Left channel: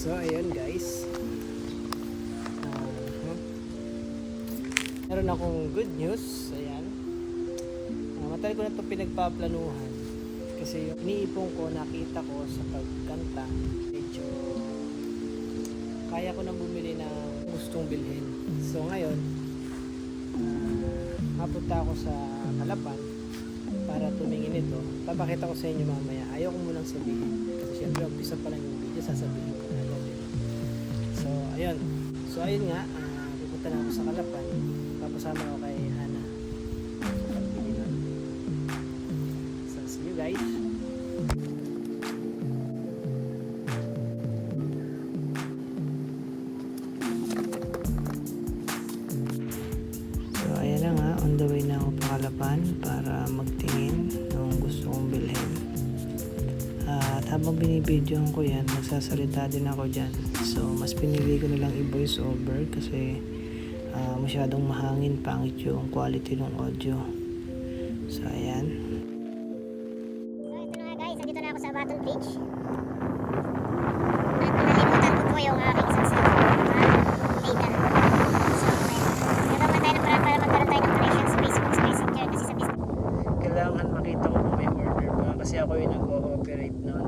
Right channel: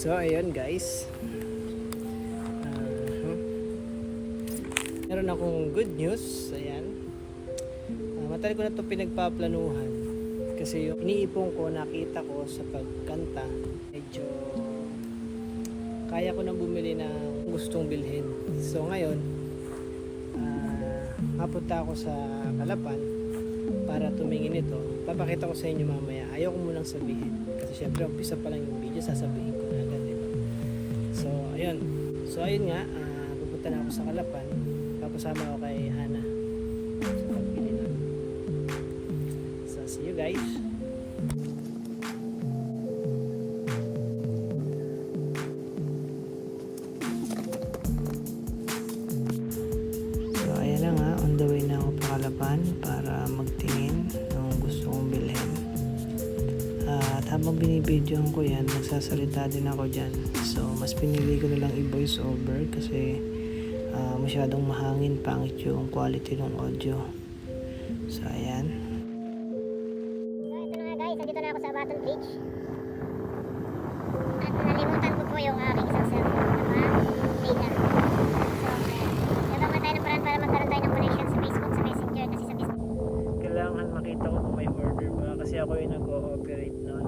So ayun guys, meron akong good news. Ayan, matagal ko na ito pinagpaplanuhan kasi yung iniipon ko, nakita ko sa pagkanta, medyo kaya ko nang bumili ng gustong bilhin. So ngayon, mapunta ako sa Calapan para tumingin ito. Papakita ko sa inyo mamaya. Ayaw ko munang sabihin kasi syempre umpisa pa lang yung video, sasabihin ko na agad, diba? So ayun, nga, pupunta na ako sa Calapan. Papasama ako kay Hana. So see you guys. So ayan na nga, on the way na ako pa Calapan para magtingin ng gusto kong bilhin. At habang binibidyoan ko yan, nagsasalita din ako dyan. So mas pinili ko na lang i-voice over kasi masyadong mahangin, pangit yung quality ng audio. So ayan. So ito na nga guys, andito na ako sa Baton Bridge. At nalimutan ko po yung aking isang cellphone na data. So ayan, gagawa tayo ng paraan para magkaroon tayo ng connection sa Facebook, sa Messenger. Kasi sa Facebook Kailangan makita ko kung may order ba kasi ako yung nag-ooperate noon.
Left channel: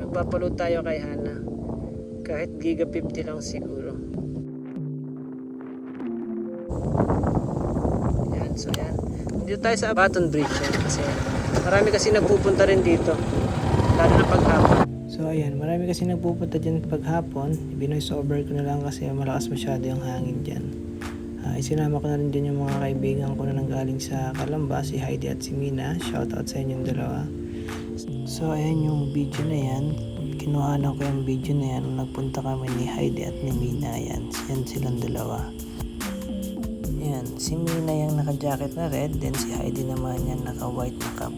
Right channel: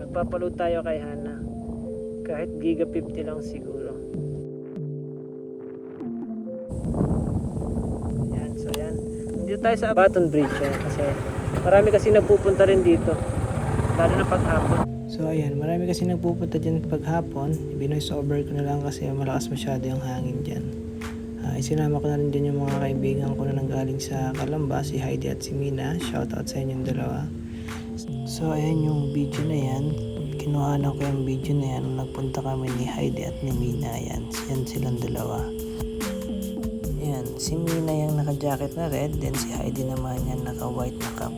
Magpapaload tayo kay Hana. Kahit giga 50 lang siguro. Ayan, so ayan. Nandito tayo sa Baton Bridge kasi marami kasi nagpupunta rin dito. Lalo na paghapon. So ayan, marami kasi nagpupunta dyan paghapon. Binoise over ko na lang kasi malakas masyado yung hangin dyan. Isinama ko na rin dyan yung mga kaibigan ko na nanggaling sa Calamba, si Heidi at si Mina. Shoutout sa inyong dalawa. So ayan yung video na yan. Kinuhanan ko yung video na yan nung nagpunta kami ni Heidi at ni Mina. Ayan, yan silang dalawa. Ayan, si Mina yung naka-jacket na red, then si Heidi naman yan naka-white na cap.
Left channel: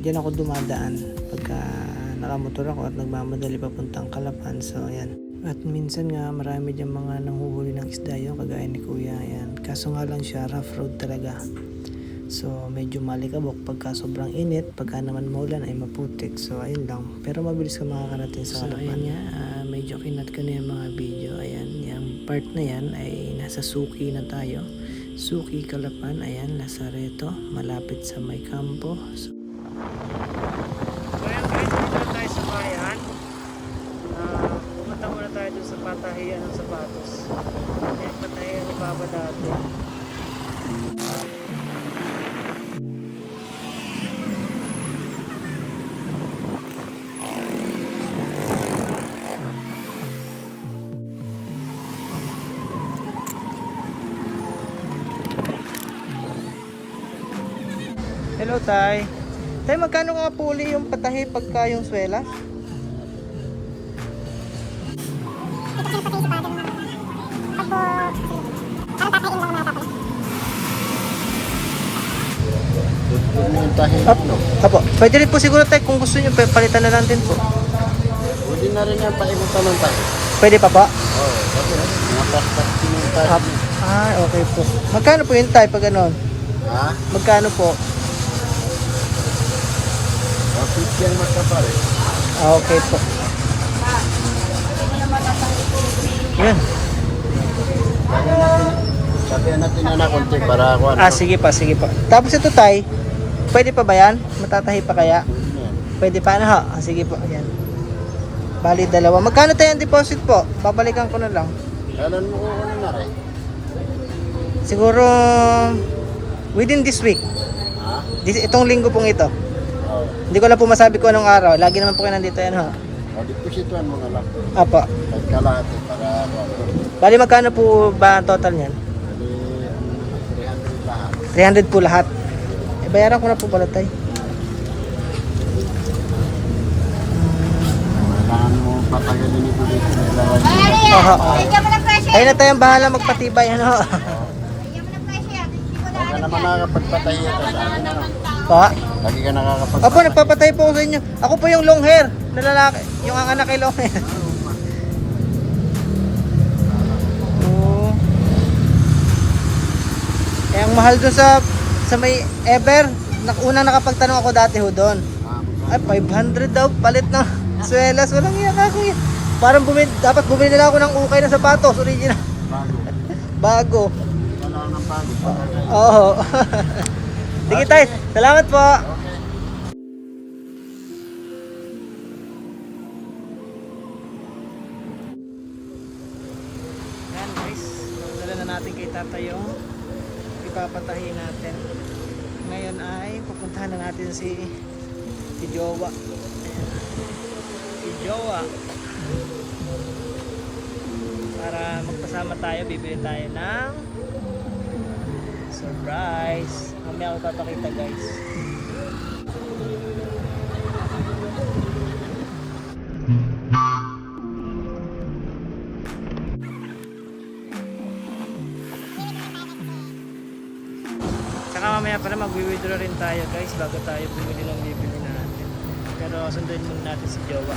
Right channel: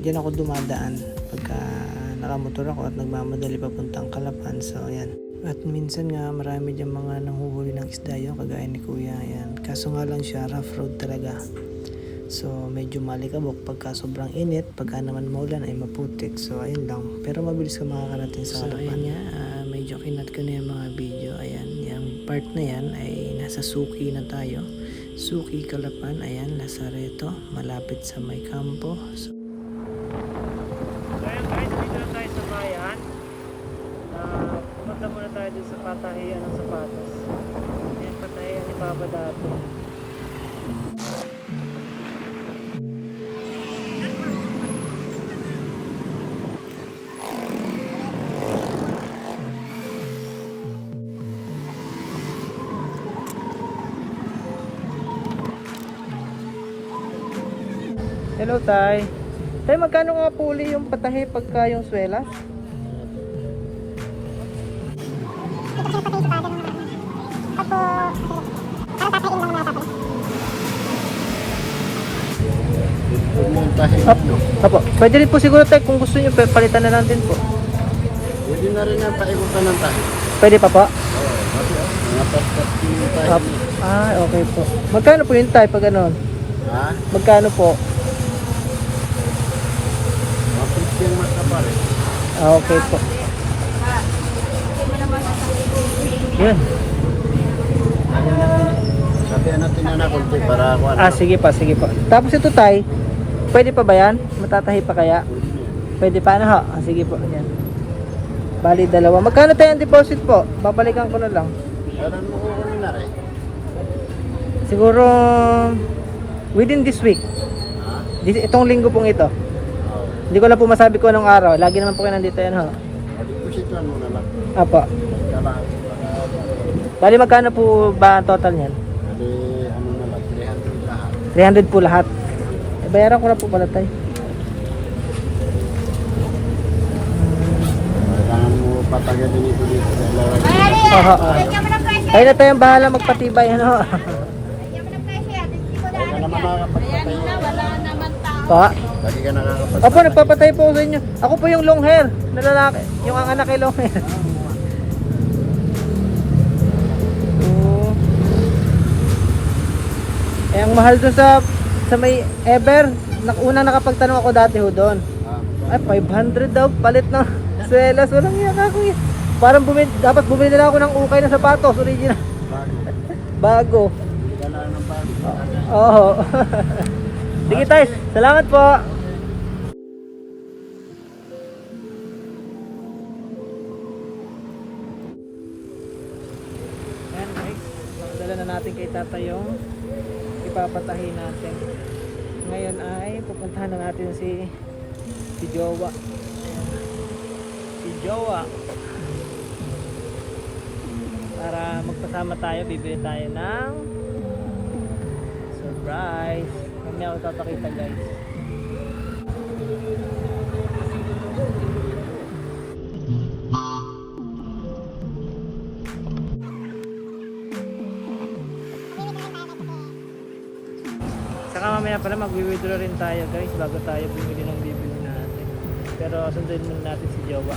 Diyan ako dumadaan pagka nakamotor ako at nagmamadali papuntang Calapan. So ayan. At minsan nga marami dyan mga nanghuhuli ng isda yung kagaya ni Kuya. Ayan. Kaso nga lang siya, rough road talaga. So medyo malikabok pagka sobrang init, pagka naman maulan ay maputik. So ayun lang. Pero mabilis ka makakarating sa Calapan. So ayan nga, medyo kinat ko na yung mga video. Ayan, yung part na yan ay nasa Suki na tayo. Suki, Calapan. Ayan, Lazareto. Malapit sa may kampo. So ayan guys, dito na tayo sa bayan. Pumunta muna tayo dun sa patahian ng sapatos. Ayan, patahian ni Papa dati. Hello Tay. Tay, magkano nga puli yung patahi pagka yung swelas? Apo, pwede rin po siguro Tay kung gusto nyo palitan na lang din po. Pwede na rin ang paikutan ng tayo. Pwede pa po? Oo, kasi mga paspas ng tayo. Okay po. Magkano po yung Tay pag ganon? Ha? Magkano po? Dapat yung makapare. Okay po. Yun. Sabi natin na konti para ako. Sige pa, sige pa. Tapos ito Tay, pwede pa ba yan? Matatahi pa kaya? Pwede na yan. Pwede pa na ha? Sige po, ayan. Bali dalawa. Magkano tayo ang deposit po? Babalikan ko na lang. Kailan mo kukunin na rin? Siguro within this week. Ha? Itong linggo pong ito. Oo. Hindi ko lang po masabi ko anong araw. Lagi naman po kayo nandito yan ha. O, deposituan mo na lang. Apo. Kalahati para ako. Bali magkano po ba ang total niyan? Pwede ano na lang, 300 lahat. 300 po lahat. Bayaran ko na po pala Tay. Kailangan mo patagalin ito dito. Dalawa dito. Kayo na tayong bahala magpatibay ano. Huwag ka naman nakakapagpatay. Pa? Lagi ka nakakapagpatay. Apo, nagpapatay po ako sa inyo. Ako po yung long hair na lalaki. Yung ang anak kay long hair. Eh, ang mahal doon sa may Ever. Unang nakapagtanong ako dati ho doon. Ay, 500 daw palit ng swelas. Walang iyak ako eh. Parang dapat bumili na ako ng ukay na sapatos, original. Bago. Bago. Hindi ka lang ng bago. Oo. Sige tayo. Salamat po. Yan guys. Nakadala na natin kay tata yung ipapatahin natin. Ngayon ay pupuntahan na natin si Jowa. Ayan. Si Jowa. Para magpasama tayo, bibili tayo ng surprise. Mamaya ako ipapakita guys. Tsaka mamaya pala mag-withdraw rin tayo guys bago tayo bumili ng bibili natin. Pero sunduin muna natin si Jowa.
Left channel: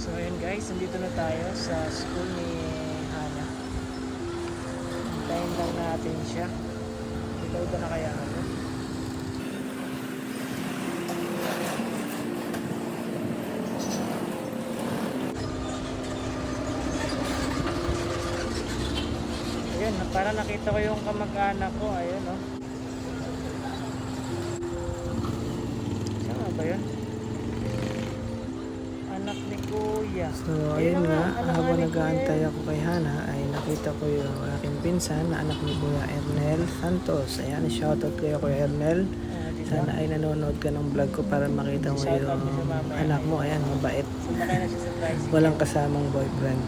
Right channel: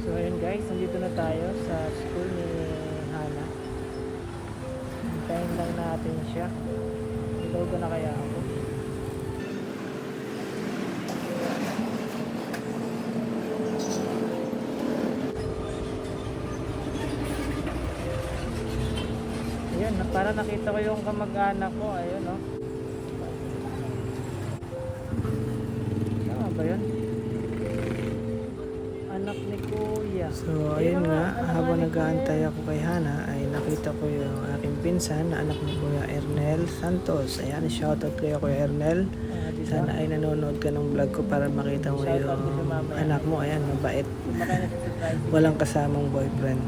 So ayun guys, nandito na tayo sa school ni Hana. Hintayin lang natin siya. Ilaw ba na kaya ako? Ayun, para nakita ko yung kamag-anak ko. Ayun oh. Siya nga ba yun? Anak ni Kuya. So ayun nga, habang nag-aantay ako kay Hana ay nakita ko yung aking pinsan na anak ni Kuya Ernel Santos. Ayan, shoutout kayo Kuya Ernel. Sana ay nanonood ka ng vlog ko para makita mo yung anak mo. Ayan, mabait. Walang kasamang boyfriend.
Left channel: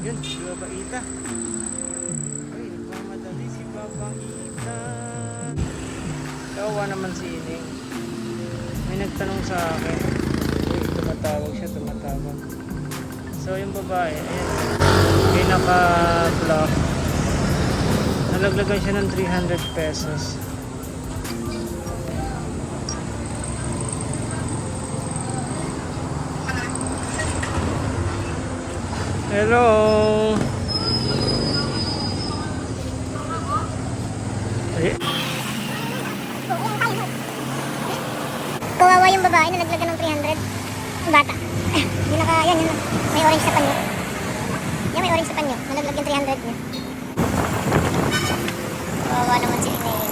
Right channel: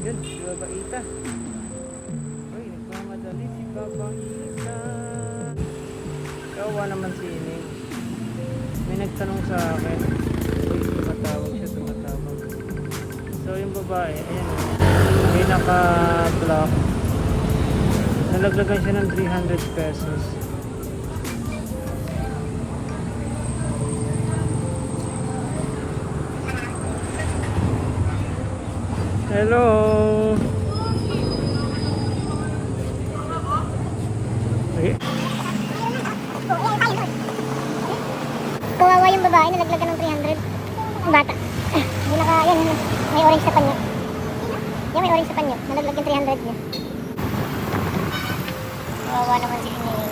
Yun, si Babaita. Nagmamadali si Babaita. Kawawa naman si Ining. May nagtanong sa akin. Uy, tumatawag siya, tumatawag. So yung babae, ayan o. May naka-block. Nalaglagan siya ng 300 pesos. Hello. Okay. Kawawa yung babae na naglagan ng 300. Ang bata. Hindi yan. May orange sa panyo. Yan, may orange sa panyo. Nalaglag yung 300 niya. Kawawa naman si Inay.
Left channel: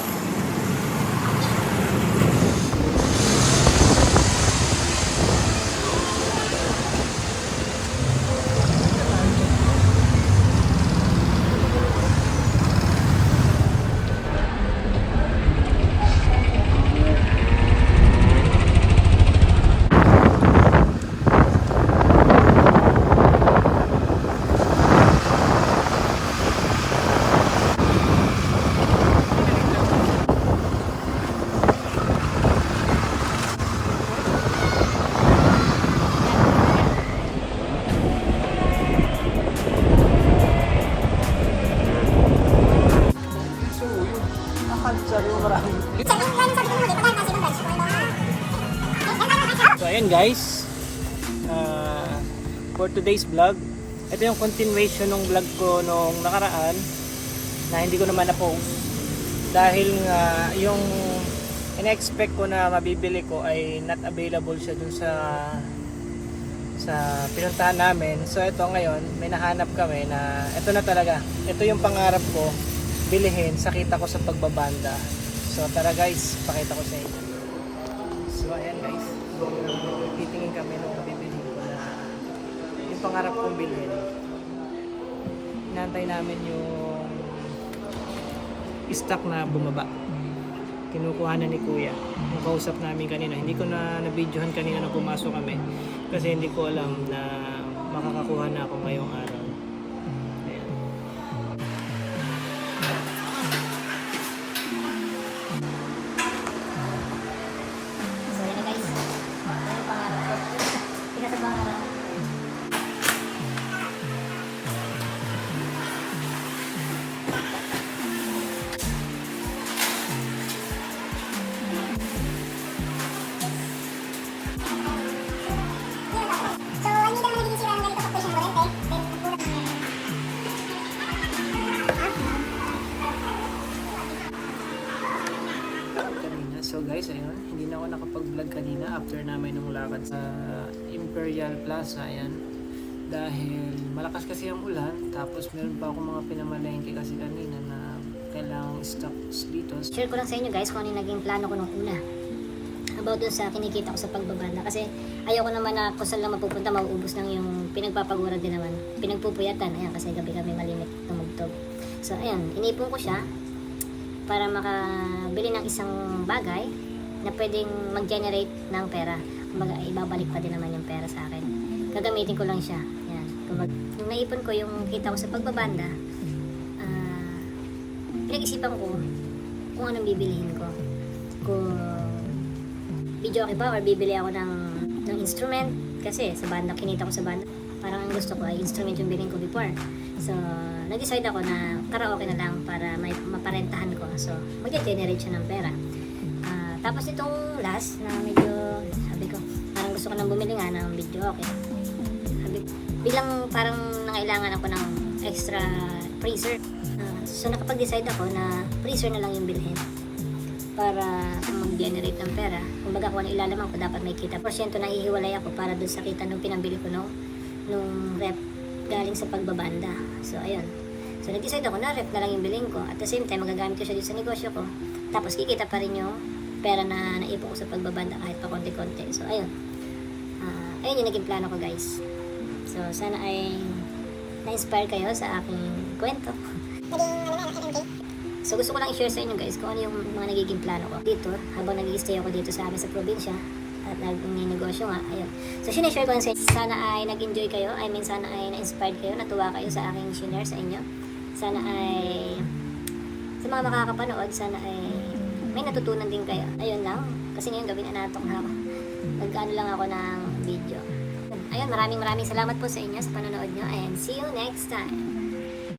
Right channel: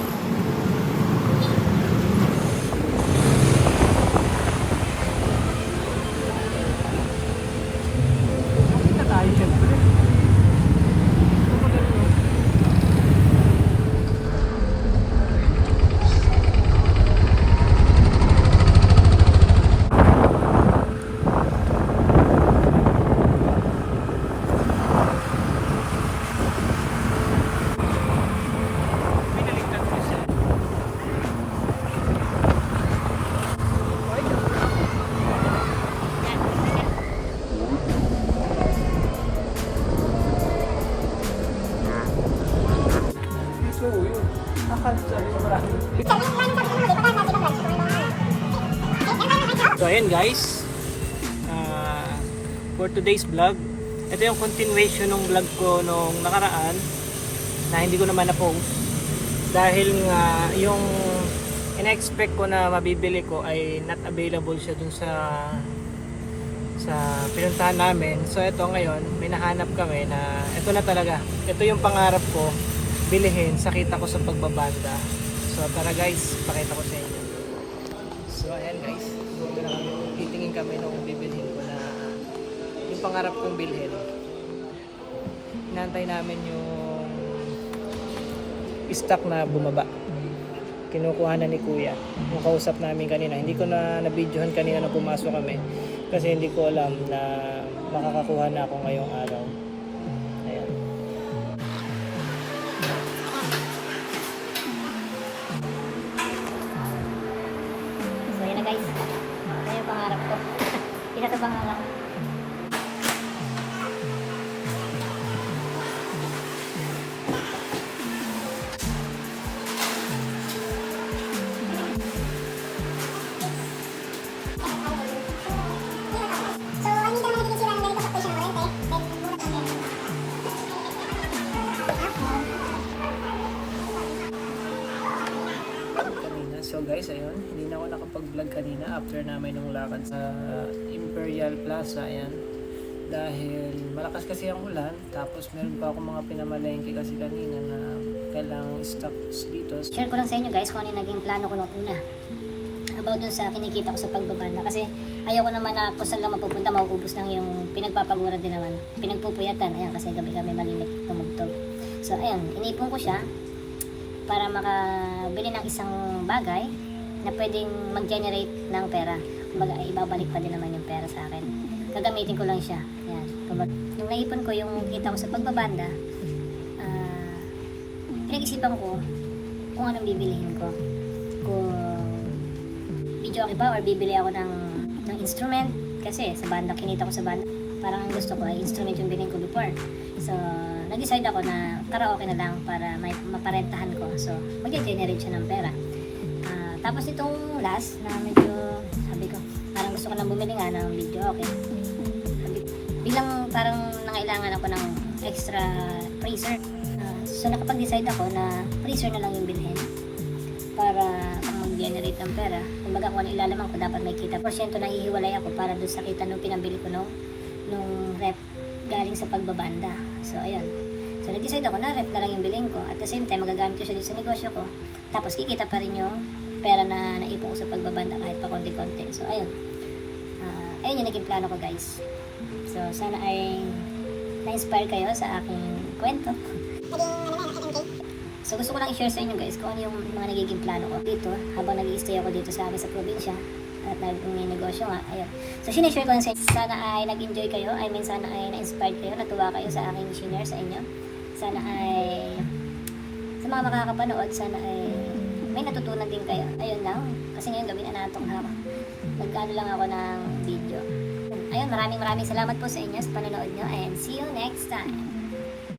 So ayun guys, for today's vlog, ito yung continuation ng vlog ko nung nakaraan na hindi ko naman na-post dahil nga yung ina-expect ko na mabibili ko ay not available siya dun sa pinuntahan namin. So ito ngayon, may nahanap kami na ito na talaga, ito yung pangarap ko bilihin sa kita ko sa pagbabanda. So tara guys, pakita ko sa inyo. So ayan guys, titingin kami nung bibilhin ko na yung pangarap kong bilhin. Inantay namin yung stock na bumaba. Kinukuha na ni Kuya. Yung kausap namin kanina, hindi ko na na-videohan kanina na pumasok kami kasi hindi ko alam na makakakuha na ako ngayong araw. Ayan. So yun na guys. Ito yung pangarap ko. Nasa pangarap. So, hindi naman nagiging sila ng ganito sa station mo rin, eh. Kanina. So guys, ayun, hindi na ako nakapag-vlog kanina after namin nung lakad sa Imperial Plaza, ayan. Dahil malakas kasi ang ulan, tapos meron pa ako mga pinamalengke kasi kanina na kailangang stocks dito. Share ko lang sa inyo guys kung ano yung naging plano ko nung una. About dun sa kinikita ko sa pagbabanda. Kasi ayoko naman na kung saan lang mapupunta, mauubos lang yung pinagpapagura din naman. Pinagpupuyatan, ayan, kasi gabi kami malimit tumugtog. So ayan, inipon ko siya para makabili ng isang bagay na pwedeng mag-generate ng pera. Kumbaga, ibabalik pa din naman yung pera sa akin. Gagamitin ko lang siya. Yan. Nung naipon ko yung kita ko sa pagbabanda, pinag-isipan ko kung anong bibilihin ko. Kung video okay pa or bibili ako ng instrument. Kasi sa banda, kinita ko sa banda. Parang ang gusto ko ay instrument yung bilhin ko before. So, nag-decide ako na karaoke na lang para may maparentahan ko. So, mag-generate siya ng pera. Tapos itong last na medyo, sabi ko, parang gusto ko nang bumili nga ng video okay. Sabi, bilang parang nangailangan ako ng extra freezer. So, nakapag-decide ako na freezer na lang yung bilhin para mag-generate ng pera. Kumbaga kung ano ilalaman ko, dapat may kita. Porsyento na hihiwalay ako para dun sa kita nung pinabili ko nung rep galing sa pagbabanda. So, ayun. So, nag-decide ako na rep na lang yung bilhin ko. At the same time, magagamit ko siya dito sa negosyo ko. Tapos, kikita pa rin yung pera na naipon ko sa pagbabanda kahit pa konti-konti. So, ayun. Ayun yung naging plano ko, guys. So, sana ay na-inspire kayo sa aking kwento. So, gusto ko lang i-share sa inyo, guys, kung ano yung mga nagiging plano ko dito habang nag-i-stay ako dito sa amin sa probinsya at nag-negosyo nga. Ayun. So, sinishare ko lang sa inyo. Sana ay nag-enjoy kayo. I mean, sana ay na-inspired kayo, natuwa kayo sa aking share sa inyo. Sana ay sa mga makakapanood, sana ay may natutunan din kayo. Ayun lang. Kasi ngayon gabi na natong ako. Nag-ano lang ako ng video. Ayun, maraming salamat po sa inyo sa panonood nyo and see you next time.